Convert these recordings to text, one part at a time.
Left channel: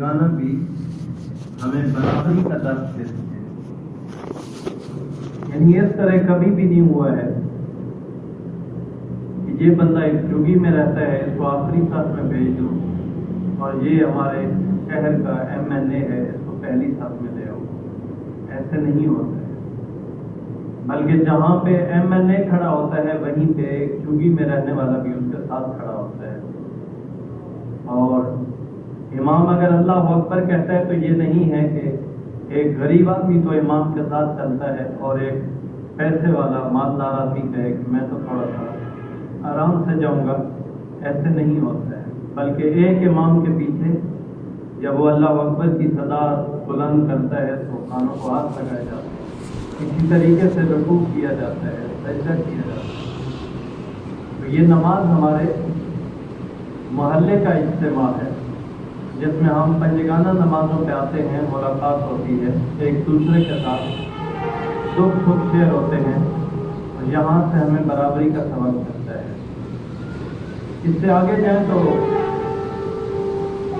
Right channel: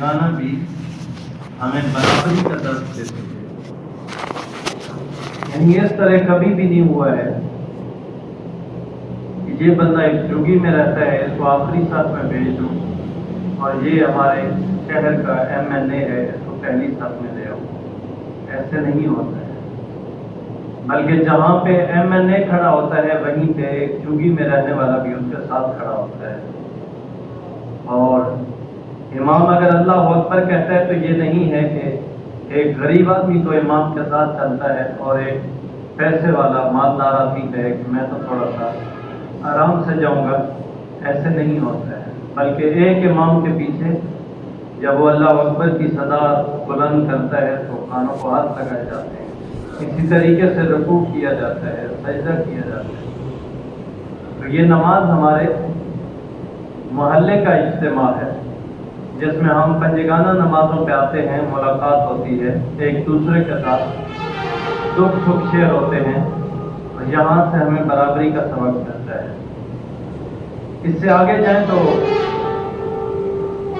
گانا بھی ہمیں برابری کا درس دیتے ہیں، یعنی اس طرح کبھی بھی نہیں ہوا ہے کہ یہ بندہ ایک جھگی میں رہتا ہے اس کو آخری ساتھ میں بھیج دوں اور یہ ہمارے شہر کا MNA ہے اس کو پہلی ساتھ میں لے آؤں۔ ایسے نہیں ہوتا ہے، بلکہ جہاں پہ MNA کھڑا ہوتا ہے وہیں پہ ایک جھگی میں رہنے والا بھی اس کے ساتھ کھڑا ہوتا ہے، اور امام اگر اللہ اکبر کہتا ہے تو یہ نہیں ہے کہ ایک غریب آدمی تو امام کے ساتھ چلتا ہے اور ایک پیسے والا مالدار آدمی کہے کہ میں تو تھوڑا سا آرام سے جاؤں گا۔ ایسے نہیں ہوتا ہے، بلکہ ایک امام کے پیچھے جب وہ اللہ اکبر کی صدا بلند کرتا ہے تو کانوں کو ہاتھ لگائے جاتے ہیں، اسی طریقے سے رکوع کیا جاتا ہے، سجدہ کیا جاتا ہے۔ تو یہ نماز ہمارے محلے کا اجتماع ہے جس میں ہم پنجگانہ نمازوں پہ آتے ہیں، ملاقات ہوتی ہے، ایک دوسرے کے ساتھ دکھ سکھ شیئر ہوتے ہیں، اور یہاں سے ہمیں برابری کا سبق ملتا ہے۔ اس سے آگے جائیں تو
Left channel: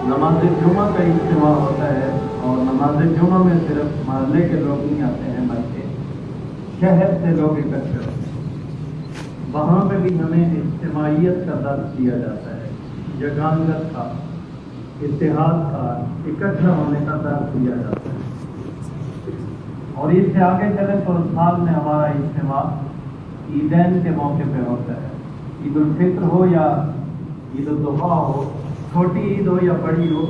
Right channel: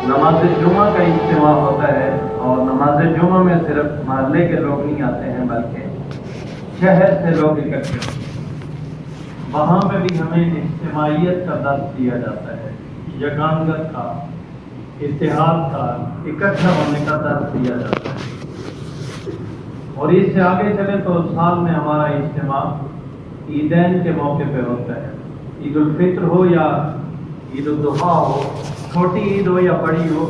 نماز جمعہ کا اجتماع ہوتا ہے، اور نماز جمعہ میں صرف محلے کے لوگ نہیں آتے ہیں بلکہ شہر سے لوگ اکٹھے ہوتے ہیں۔ وہاں پہ بھی ہمیں اجتماعیت کا درس دیا جاتا ہے، یگانگت کا، اتحاد کا، اکٹھا ہونے کا درس دیا جاتا ہے۔ اور اس سے آگے چلے تو سال میں ہمارا اجتماع عیدین کے موقع پہ ہوتا ہے، عید الفطر ہو یا عید الاضحیٰ ہو، چھوٹی عید ہو یا بڑی ہو،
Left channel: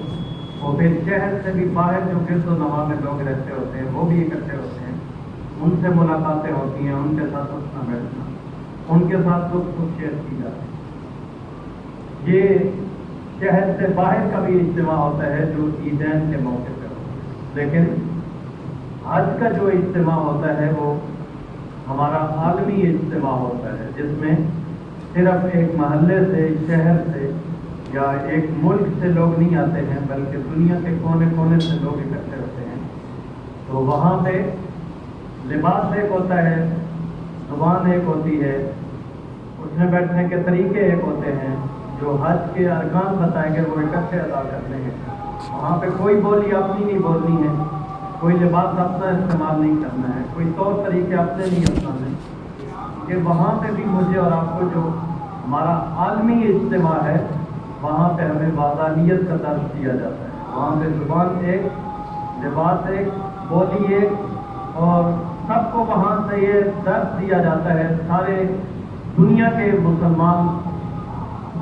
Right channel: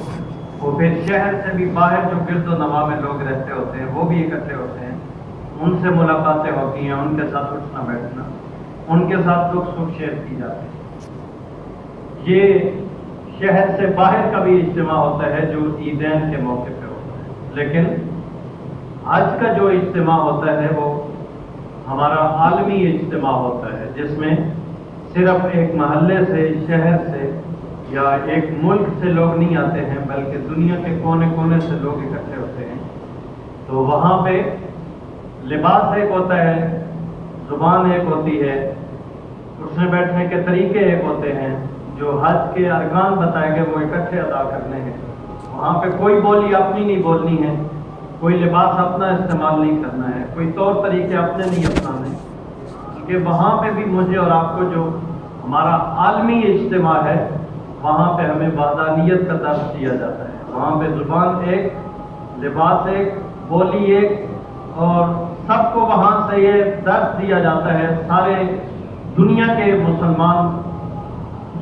وہ پھر شہر سے بھی باہر جو پھر تو نواح میں لوگ رہتے ہوتے ہیں وہ بھی اکٹھے ہوتے ہیں، ان سے ملاقاتیں ہوتی ہیں، ان کے ساتھ اٹھنا بیٹھنا، ان کے ساتھ دکھ سکھ شیئر کی جاتی ہے۔ یہ شہر سے باہر کا بھی اجتماع ہوتا ہے جو عیدین کے موقع پہ ہوتا ہے، لیکن آج کا جو اجتماع ہوتا ہے وہ ہمارا عالمی اجتماع ہوتا ہے، جس میں صرف ایک محلے سے، شہر سے یا ایک ملک سے لوگ نہیں آتے ہیں بلکہ دنیا کے کونے کونے سے لوگ اکٹھے ہوتے ہیں۔ تو وہاں پہ لباس ایک ہوتا ہے، زبان ایک ہوتی ہے، اٹھنے بیٹھنے کے طریقے ایک ہوتے ہیں، جو حج کے ارکان بتائے گئے وہ اکٹھے ادا کرنے ہیں۔ وہاں پہ کوئی بولی اپنی نہیں بولنی ہے، کوئی لباس اپنا استعمال نہیں کرنا ہے، کوئی طور طریقے اپنے نہیں اپنانے، کیونکہ وہاں پہ بھی مجھے اور آپ کو جو ہمارا عالمی اجتماع ہے وہاں پہ ہمیں وحدانیت کا درس دیا جاتا ہے۔ وہاں پہ زبان ایک، لباس ایک، بولی ایک، اور سب کو وہاں سے یہ درس دیا جاتا ہے، سارے دنیا کے مسلمان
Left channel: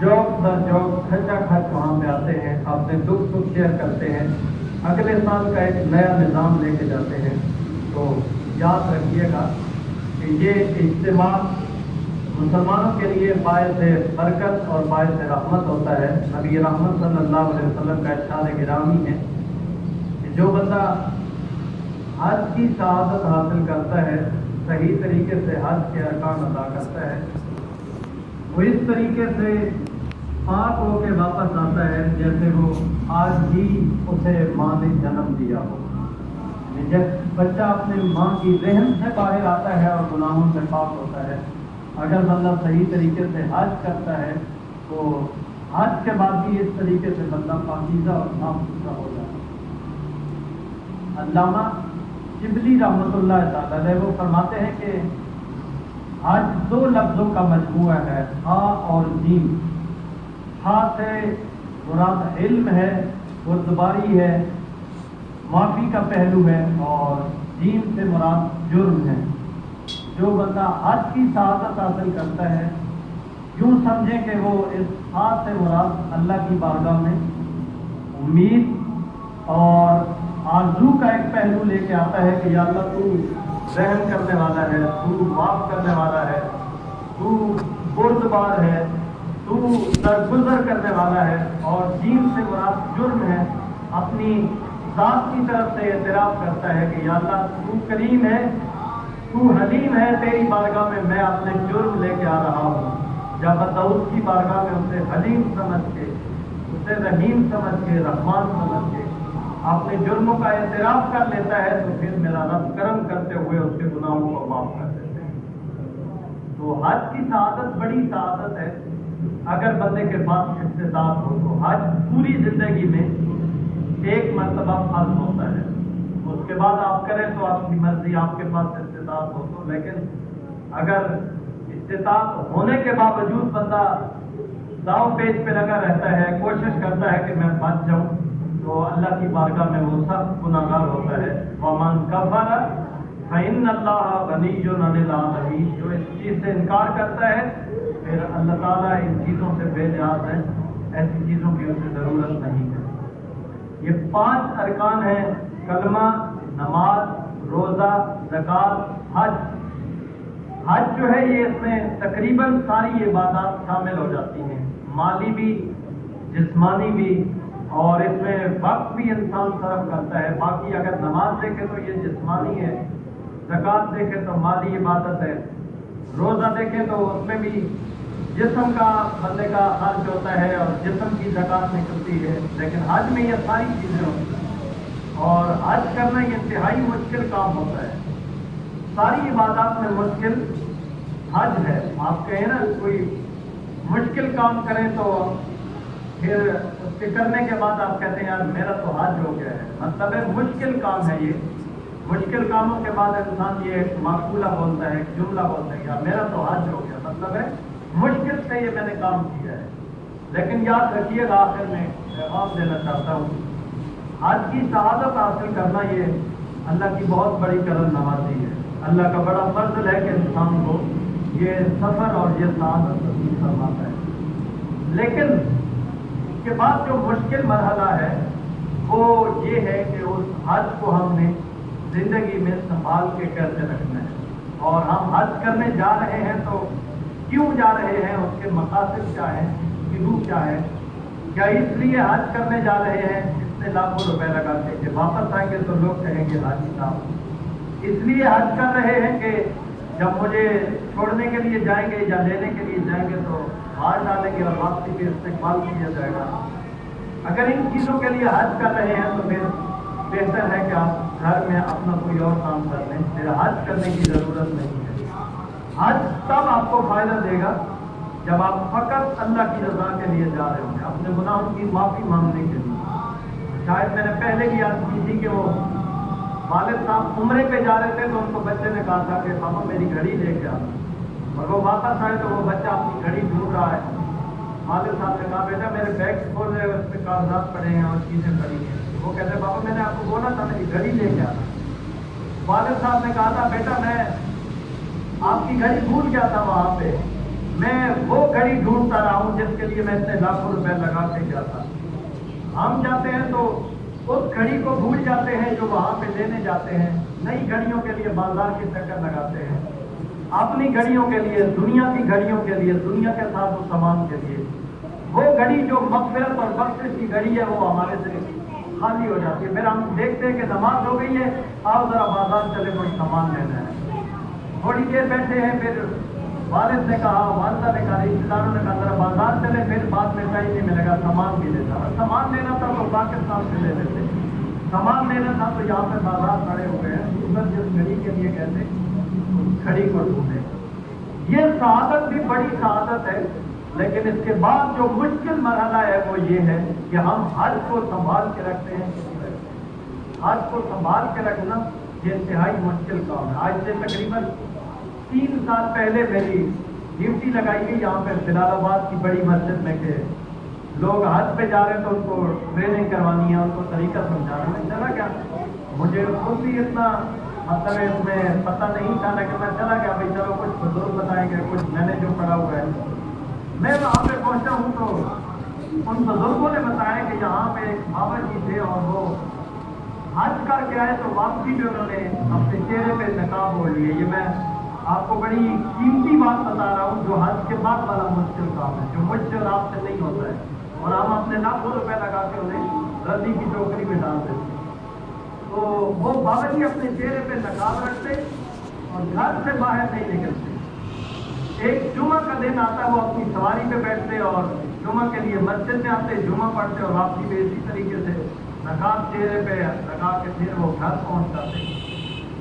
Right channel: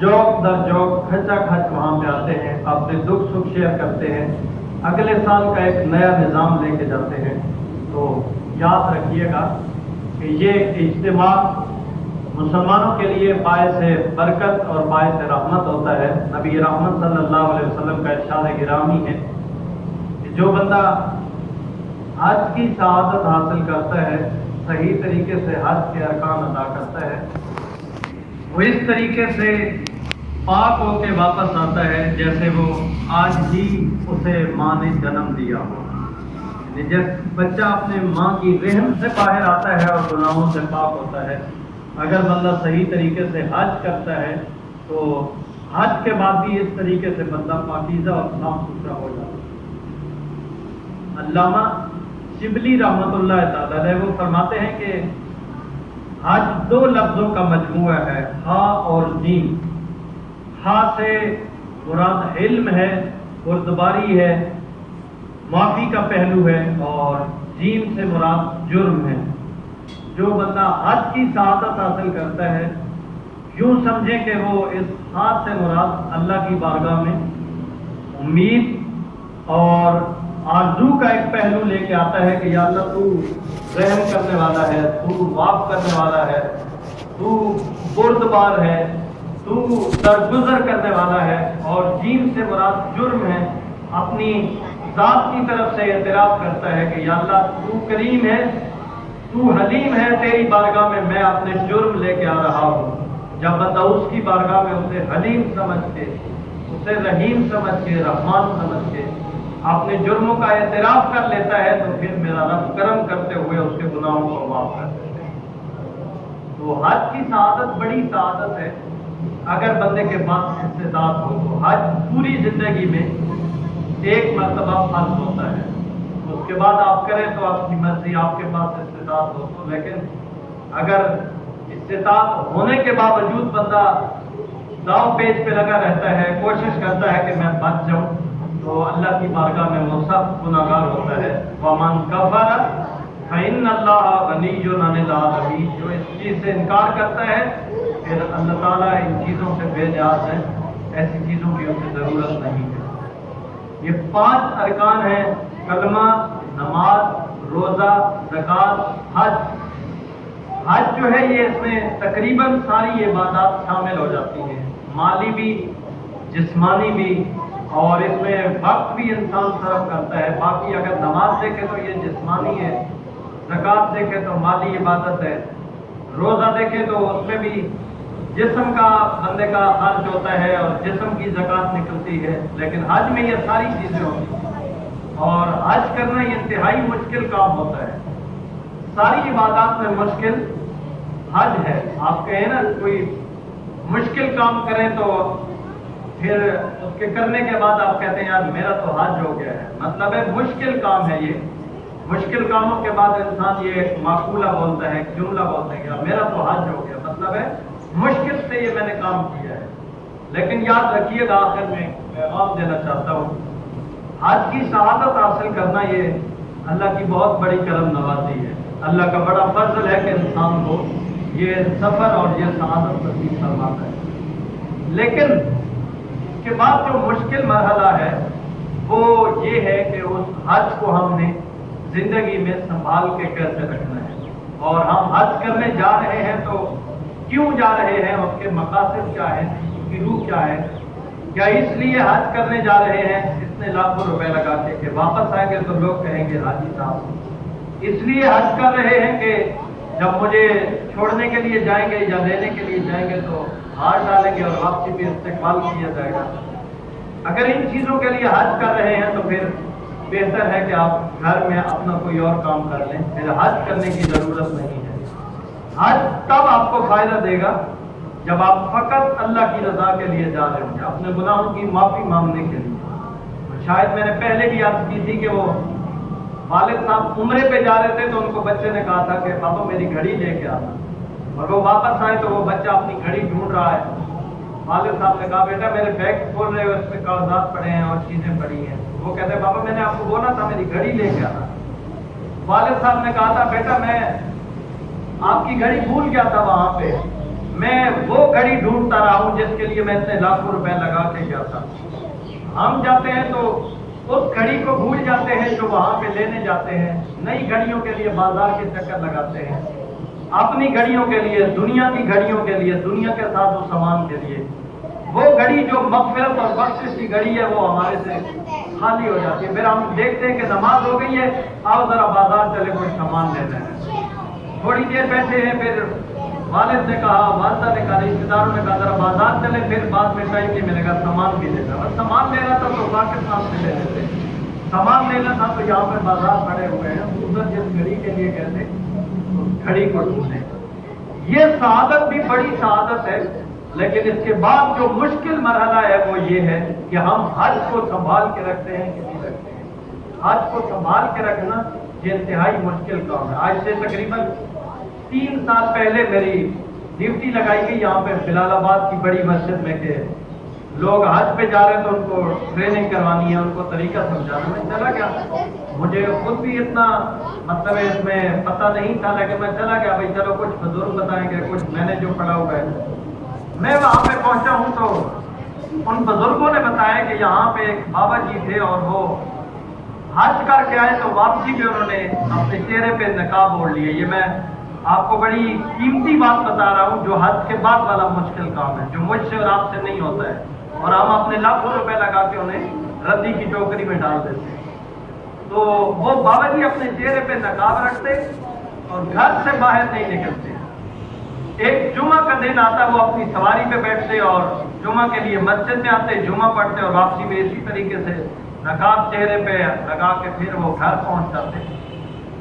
جوک در جوک کھچا کھچ وہاں پہ آتے ہیں، اپنے دکھ سکھ شیئر کرتے ہیں، اگلے سال کا ایک نیا نظام لے کے جاتے ہیں۔ تو یاد رکھیے گا کہ یہ اجتماع مسلمانوں کے لیے باعث برکت اور باعث رحمت ہوتا ہے۔ نبی رحمت صلی اللہ علیہ وسلم کا ارشاد گرامی ہے کہ جو بندہ حج کی سعادت حاصل کرتا ہے، صحیح طریقے سے حج کے ارکان ادا کرتا ہے، وہ اس طریقے سے پاک ہو کے واپس آتا ہے جیسے وہ آج ہی اسے ماں نے جنم دیا ہو۔ جب بچہ اپنے ماں کی رحم سے باہر آتا ہے اور گناہوں سے پاک ہوتا ہے، اگر بندہ صحیح طریقے سے حج کرتا ہے تو حج کے بعد بھی اس طریقے سے بندہ پاکیزہ اور صاف ستھرا ہو جاتا ہے۔ علامہ شبلی رحمۃ اللہ تعالی علیہ وہ فرماتے ہیں کہ حج دو لفظوں کا مجموعہ ہے، ہا اور جیم۔ ہا سے مراد علم ہے، بردباری ہے، معافی کا پہلو ہے، اور جیم سے مراد جرم ہے۔ جو بندہ حج کی سعادت حاصل کرتا ہے، یوں سمجھیں کہ وہ اس ہاتھ سے مراد اللہ کی بارگاہ میں امید اور آرزو کا ایک پہلو لے کے آتا ہے کہ یا اللہ تو رحم کرنے والا ہے، تو معاف کرنے والا ہے، تو بردبار ہے، تو درگزر کرنے والا ہے، اور جیم سے مراد جرم ہے۔ اپنی ذات کی طرف سے اعتراف کرتا ہے کہ یا اللہ تو کریم ہے، تو حلیم ہے، تیری بارگاہ میں میں اپنے جرم لے کے آ رہا ہوں۔ جب بندہ اس کی بارگاہ میں اسے حلیم سمجھ کے، اسے رحیم سمجھ کے، رحمان سمجھ کے اپنے جرموں کا اعتراف کر لیتا ہے تو پھر میرا رب کرم کرتے ہوئے اس کے گناہوں کو معاف کر دیتے ہیں۔ تو حج کی سعادت بڑی سعادت ہے، اگر بندے کے پاس استطاعت ہو تو حج پوری زندگی میں ایک فرض ہوتا ہے، اس کے بعد آپ کریں تو آپ کی مرضی، آپ کے پاس استطاعت ہو تو، لیکن اگر استطاعت ہونے کے باوجود بندہ داؤ پیچ پہ لگا رہتا ہے، کوشش کرتا ہے کہ میں بچ جاؤں، تو اللہ کی بارگاہ میں وہ سخت گناہگار ہوتا ہے۔ وَمَنْ كَفَرَ فَإِنَّ اللَّهَ غَنِيٌّ عَنِ الْعَالَمِينَ، جو اس چیز سے انکار کرتا ہے پھر اللہ تعالیٰ ان چیزوں سے بے نیاز ہے، ایسی چیزوں کی اسے ضرورت نہیں ہے۔ یہ 5 ارکان ہیں: کلمہ، نماز، روزہ، زکوٰۃ، حج۔ حج جو ہے یہ اس میں تقریباً ساری عبادات شامل ہو جاتی ہیں، مالی بھی، جسمانی بھی، اور اس میں وقت بھی انسان صرف کرتا ہے۔ باقی اگر نماز دیکھے تو یہ جسمانی ہے، زکوٰۃ دیکھے تو مالی عبادت ہے، روزہ دیکھے تو اس میں بھی جسم کا بندے کا خرچ ہوتا ہے اور جسم کی زکوٰۃ نکلتی ہے، لیکن حج میں یہ ساری چیزیں ہوتی ہیں، اور حج کرنا یہ انتہائی مشکل کام ہوتا ہے۔ ساری عبادات میں مشکل حج ہے۔ آپ کہیں نا کوئی مشکل کام کریں تو پھر اس کے کرنے کے بعد آپ کہتے ہیں یار میرا تو حج ہو گیا ہے، مطلب ہے مشکل کام ہے۔ یہ مشکل کاموں کے بعد انسان یہ ایک معقولہ بولتا ہے، ایک جملہ بولتا ہے کہ یار میرا تو حج ہو گیا، مطلب ہے مشکل سے یہ میں نے کام کیا ہے۔ لیکن یاد رکھیے گا، آخر میں پیغام دینا چاہتا ہوں، حج کی سعادت حاصل کرنا یہ اللہ کی بہت بڑی کرم نوازی ہے، اللہ کا بڑا فضل ہے کہ انسان کو یہ سفر اور یہ سعادت نصیب فرماتا ہے۔ لیکن اس کے بعد جو مشکل مرحلہ ہے وہ یہ ہے کہ اس حج کو ہم نے زندگی میں سنبھال کے کیسے رکھنا ہے، اور ہم حج کرنے جا رہے ہیں تو کیوں جا رہے ہیں، اس کے مقاصد کیا ہیں، اس کی روح کیا ہے۔ کیا اس لیے حج کرنے جا رہے ہیں اتنے لاکھوں روپے لگا کے کہ واپس آئیں گے تو لوگ کہیں گے حاجی صاحب؟ اس لیے حج کر رہے ہیں کہ جب مجھے چھوڑنے کے لیے جائیں گے یا لینے کے لیے جائیں گے تو ہاتھ ڈالیں گے اور واپسی بھی استقبال کیا جائے گا؟ اگر ان چیزوں کے لیے حج کر رہے ہیں تو پھر بہتر ہے کہ آپ گھر میں اپنا کوئی اور کام کر لیں، پھر حج کرنے کی ضرورت نہیں ہے۔ حج تب آپ کو فائدہ دے گا جب آپ فقط اللہ کی رضا کے لیے جا رہے ہیں، اپنے گناہوں کی معافی مانگنے کے لیے۔ شاید میں نے پہلے بھی عرض کی تھی کہ وہ والد صاحب عمرے پہ جا رہے تھے تو ان کو بچے نے کہا تھا کہ بابا میری گھڑی لے کے آنا، مگر وہ واپس آئے تو وہ بچہ اپنی گھڑی ڈھونڈ رہا ہے۔ والد صاحب نے کہا بیٹا میرے بیگ کھول رہے ہو، اس پہ کاغذات پڑے ہیں اور چیزیں پڑی ہیں۔ وہ کہتے ہیں بابا میں نے آپ کو بولا تھا میری گھڑی لے کے آنا۔ والد صاحب نے کہا تھا بیٹا میں آپ کی گھڑی بھول گیا تھا وہاں پہ، میں وہ گھڑی ڈھونڈتا رہا ہوں جس کے لیے میں اتنے لاکھوں روپے لگا کے گیا تھا۔ ہم جاتے ہیں تو اس گھڑی کو بھول جاتے ہیں جو وہاں پہ لینے جاتے ہیں، نئی گھڑیوں کے لیے بازار کے چکر لگاتے ہیں، اپنی گھڑیوں کے لیے، دنیا کی گھڑیوں کے لیے، دنیا کے ساتھ و سامان کے لیے۔ وہ گھڑی جو مغفرت اور بخشش کی گھڑی ہے وہ ہمارے سے خالی ہو جاتی ہے۔ پھر ہم دیکھتے ہیں کہ نماز ہو گئی ہے، آؤ ذرا بازار چلے کوئی سامان لینا ہے۔ تھوڑی دیر بیٹھے ہیں، پھر والد نے کہا، والدہ نے کہا، رشتے داروں نے کہا ذرا بازار چلے، پھر بعد میں ٹائم نہیں ملے گا، سامان بھی لینا۔ اور سامان لینا تھا تو پاکستان سے لینے تھے، سامان لینا تھا تو یہاں پہ بازار پڑے ہوئے ہیں، صبح جس گھڑی کے لیے کہتے اس گھڑی کو ڈھونڈیں۔ یہ سعادت بھی بڑی سعادت ہے، لیکن اس کے بعد جو مشکل مرحلہ ہے وہ یہ ہے کہ ہم حج کو سنبھال کے رکھتے ہیں کہ نہیں رکھتے ہیں۔ حج کو سنبھال کے رکھنا یہ انتہائی مشکل کام ہے۔ آج سے تقریباً 3 سال پہلے میری ڈیوٹی لگائی گئی یہاں پہ جلال آباد کی بڑی مسجد میں کہ لوگ حج پہ جا رہے تو ان کو ٹریننگ کروانی ہے، ان کو طریقہ سمجھانا۔ میں چلا گیا، مجھے خود بھی اتنا مطلب ہے اس میں پتہ نہیں تھا، لیکن میں چلا گیا، بھائی چلو کچھ بزرگ بتائیں گے، کچھ میں نے جو پڑھا ہوا ہے۔ میں وہاں پہ پہنچا ہوں تو ان بزرگوں نے بتایا کہ یہاں پہ ایک بابا جی تھے اور وہ حج کر کے آئے تو واپسی پہ انہوں نے اپنے چہرے پہ نقاب اوڑھ لیے۔ یہ میں آپ کو بڑی قیمتی بات بتا رہا ہوں، جو حج کے بعد والا مشکل کام ہے، جو مجھ سے اور آپ سے نہیں ہوتا ہے، اور ہم اپنے لاکھوں روپے لگا کے انہیں ردی کی ٹوکری میں ڈال دیتے ہیں۔ تو وہ بابا جی اپنے چہرے پہ نقاب رکھتے اور گھر سے باہر نہیں نکلتے۔ ایک جمعہ کا دن آتا وہ اپنی سواری پہ بیٹھتے اور جمعہ کے لیے مسجد میں آتے، جمعہ پڑھتے اور واپسی بھی اسی طریقے سے نقاب چہرے پہ لگا کے پھر وہ گھر پہنچ جاتے۔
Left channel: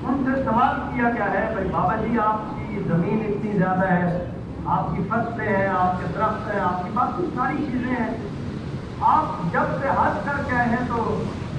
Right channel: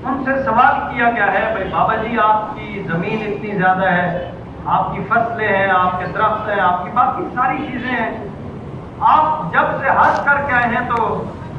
ان سے سوال کیا گیا ہے، بھائی بابا جی آپ کی زمین اتنی زیادہ ہے، آپ کی فصلیں ہیں، آپ کے درخت ہیں، آپ کی باقی ساری چیزیں ہیں، آپ جب سے حج کر کے آئے ہیں تو